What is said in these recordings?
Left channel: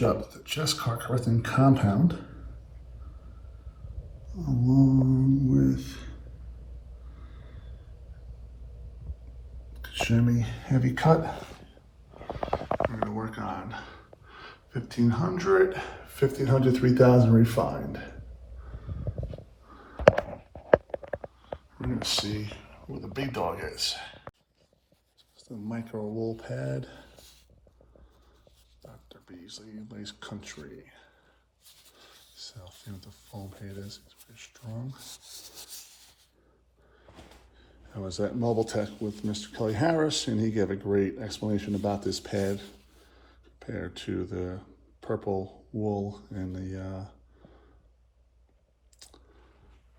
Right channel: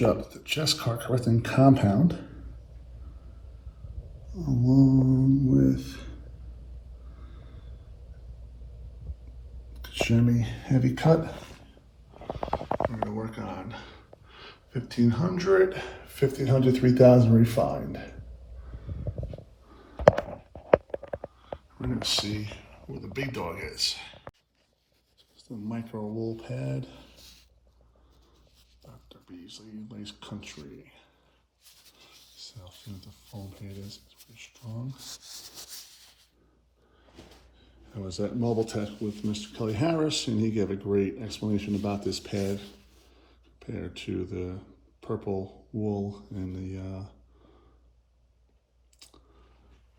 match up the Jescar Heavy Cut Compound along with Koch-Chemie Heavy Cut. We're going to work on 1500, 1500, 3000 refined. We're going to see where the big dog is. It's the micro wool pad. Dr. Beasley Lace Country. So I'll see what the foam pad is. It's very strong. I was at Mobile Tech with Mr. Kelly Harris, and he gave a great explanation about this pad compared to the purple wool and the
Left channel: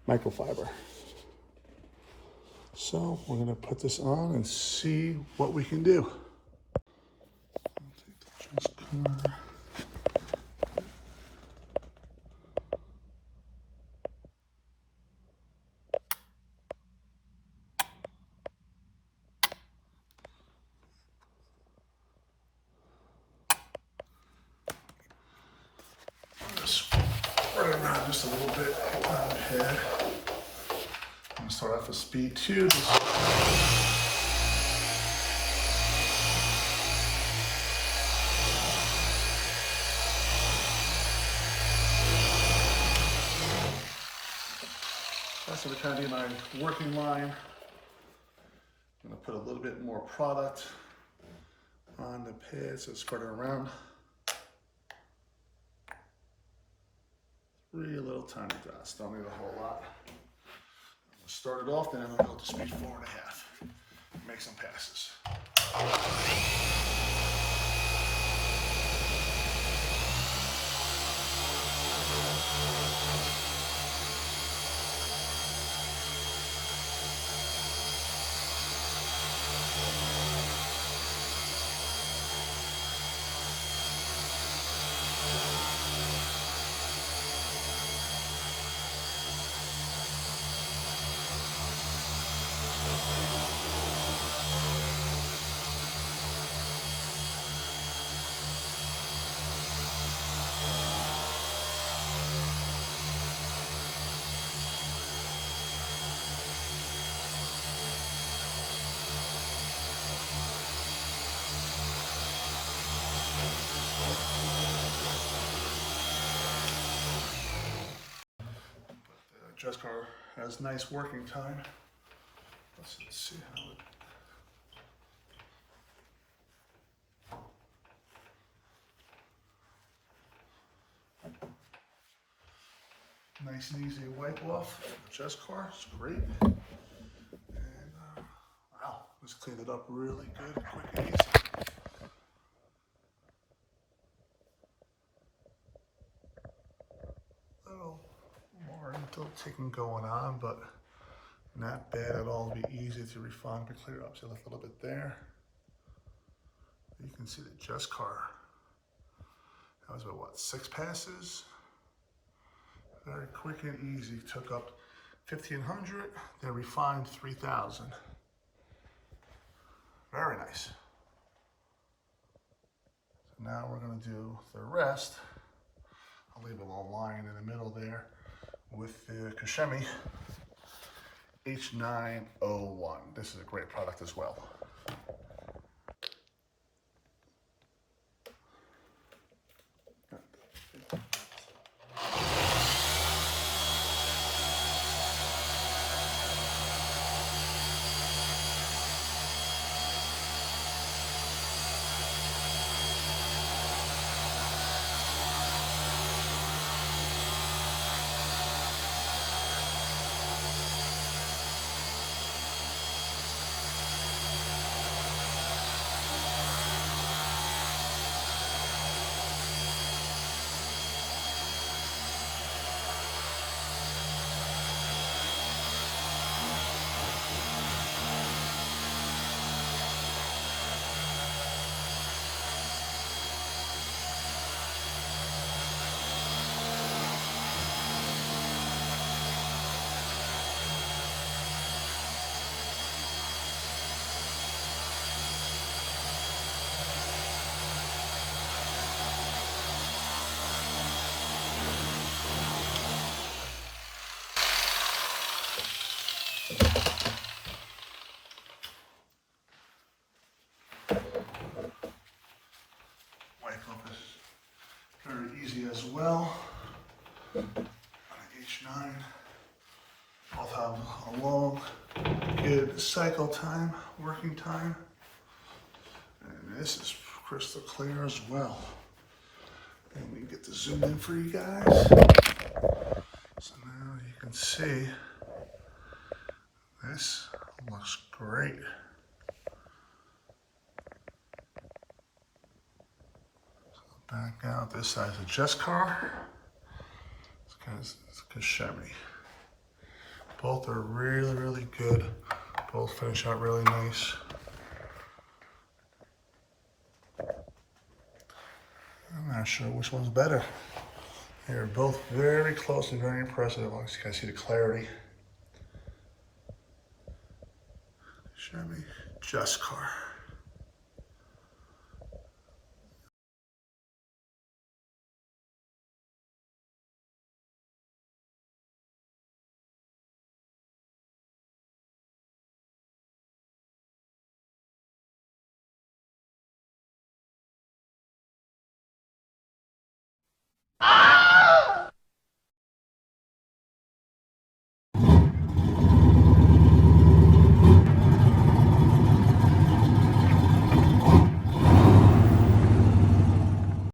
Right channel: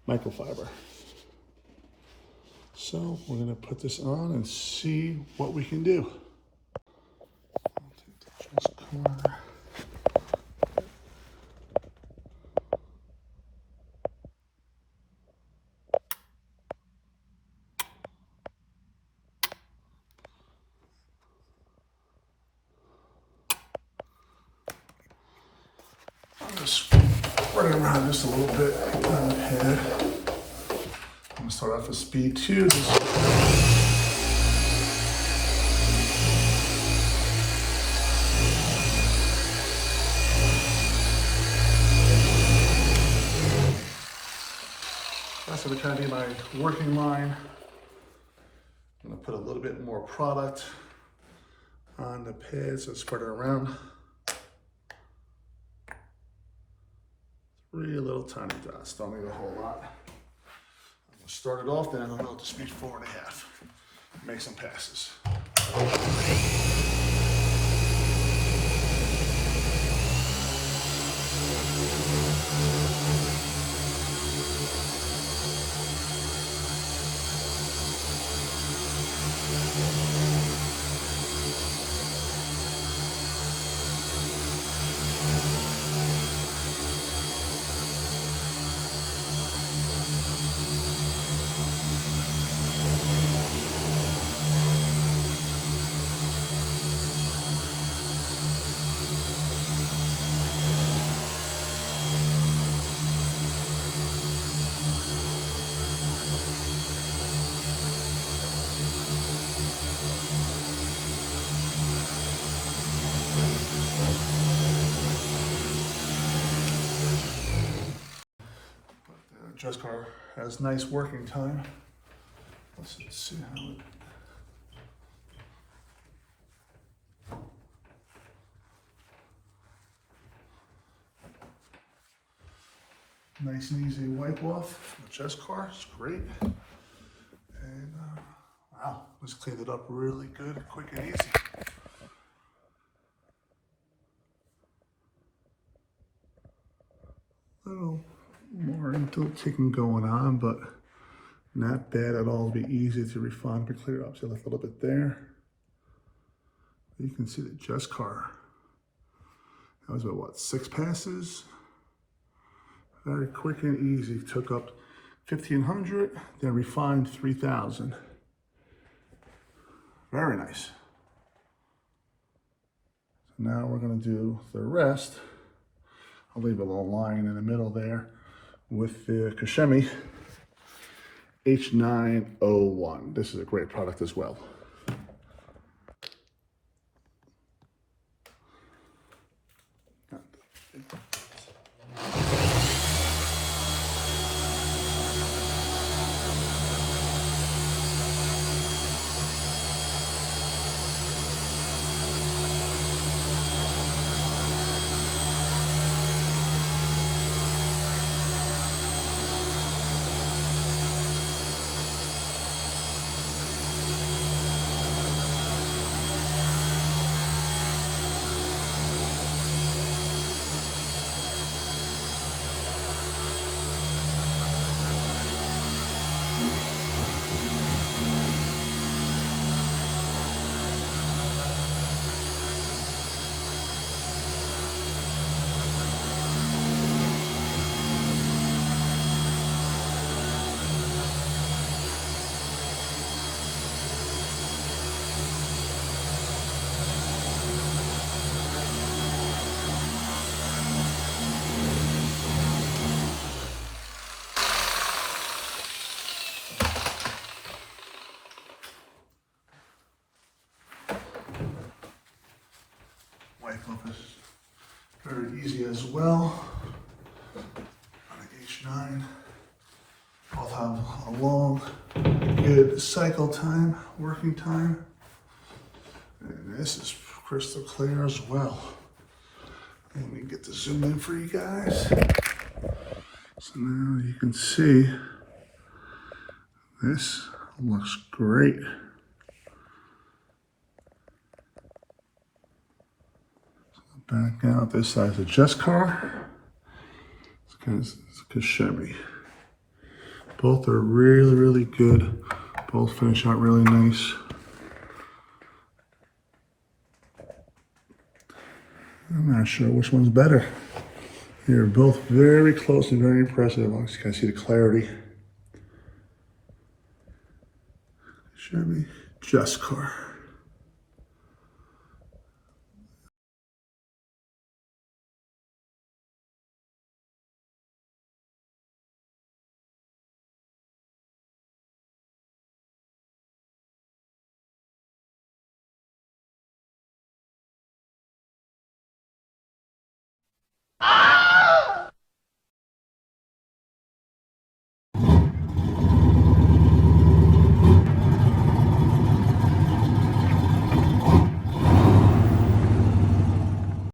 microfiber. So we're going to put this on and see what we can do. I'll take the Jescar. Just spread it around just a little bit on the head. I'm going to start off with speed 2. That's going to kind of be my working line. I'm going to put a little bit more product on the pads and spread it around. 3 little tiny dots, don't need a whole lot. I'm going to start it off, then I'm going to go to speed 4.5. Make some passes. Jescar has nice working time. Let's see how it. Nice and easy wipe off with Jescar. It's great. And wow, let's clean it up really good, quick and easy. Little more ticking going on, but not bad at all. It'll be easy to refine and clear up. So left a little bit there. You can see the Jescar. That was about what, 6 passes? Very quick and easy. Took up 1500, then refined 3000. Very nice. So now we're going to do the rest. I'll leave a little line in the middle there with the Koch-Chemie H9.01. This is a great product as well. easy as well. On the H9, both have a long, good cycle time, working time. And this is crystal clear as well. And we can get the zoom in for you guys. So now you can see this looks great. So back out this side is a Jescar. It's Koch-Chemie. Both are really, really good. Both finish out really nice. I'm not sure which one's better. They're both very close and very impressive. As long as you can see the clarity. Chevy Jescar.